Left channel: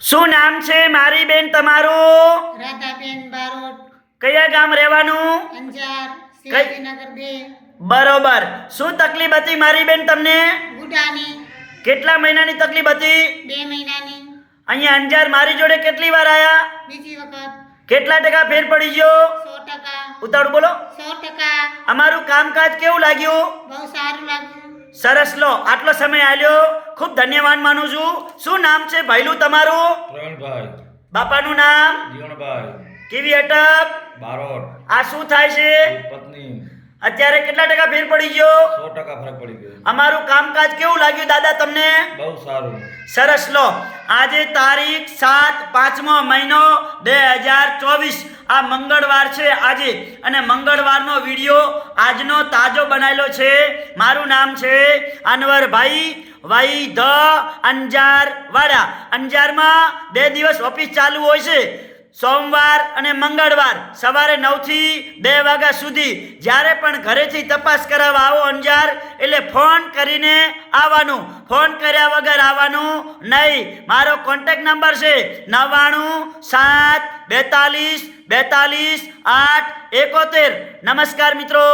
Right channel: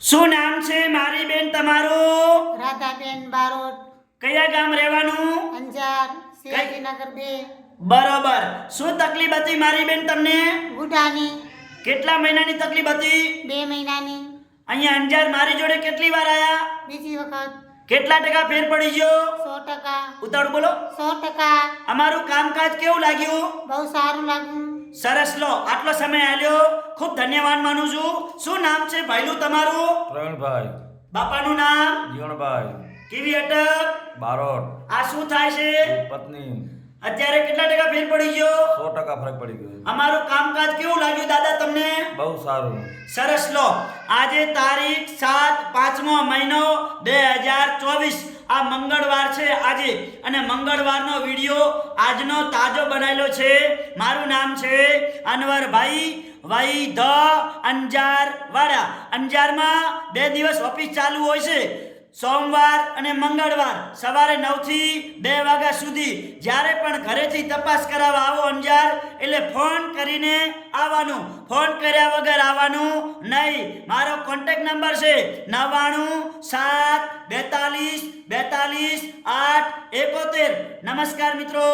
શું નામ છે મારી બેન તમારું? રાધાબેન બારોટ, કયા ગામ રહેવાનું? અંજાર, શિવાજીનગર 2, બરોબર. શું તકલીફ હતી મારી બેન તમને? ગુડાની, કેટલા મહિનાની તકલીફ હતી? 2 મહિનાની, અહીંયા અંજાર મારી જોડે કેટલી વાર આયા? બીજી વખત કેટલા ટકા ફેર પડી ગયો? 100%, ઉતાળું બોલો. 100%. અમારું કામકાજ કેવું લાગ્યું? બહુ સારું લાગ્યું. સરસ. લો, આટલો સમય આલ્યો, ખૂબ ધન્યવાદ માનું છું. શું નામ છે ભાઈલું તમારું? પ્રવીણભાઈ બાપાનું નામ? જીવણભાઈ કેવી અટક? બારોટ આ શું થાય છે? પત્ની અત્યારે કેટલા ટકા ફેર પડી ગયો? 100% ફરક પડી ગયો. અમારું કામકાજ કેવું લાગ્યું દાદા તમને? બહુ સારું. સરસ. લો, આજે તારીખ 7 5મો મહિનો 2024, આ મંગળવાર છે આજે, અને મંગળવારનો વિડીયો આજનો તાજો બનાવેલો છે. મારું નામ છે અનવરભાઈ વાઈ ધ અંજાર વાડા. અંજારમાં 2 દિવસ ઓફિસ ચાલુ હોય છે, સોમવાર અને મંગળવાર સવારે 9 થી 2 વાગ્યા સુધી. જ્યારે પણ ઘરેથી તપાસ કરાવવા આવો અંજાર, એટલે ફોન કરીને આવવાનું, ફોન કર્યા વગર આવવાનું નહીં. મારો કોન્ટેક્ટ નંબર છે 99 7 42 42 8 71. નમસ્કાર મિત્રો.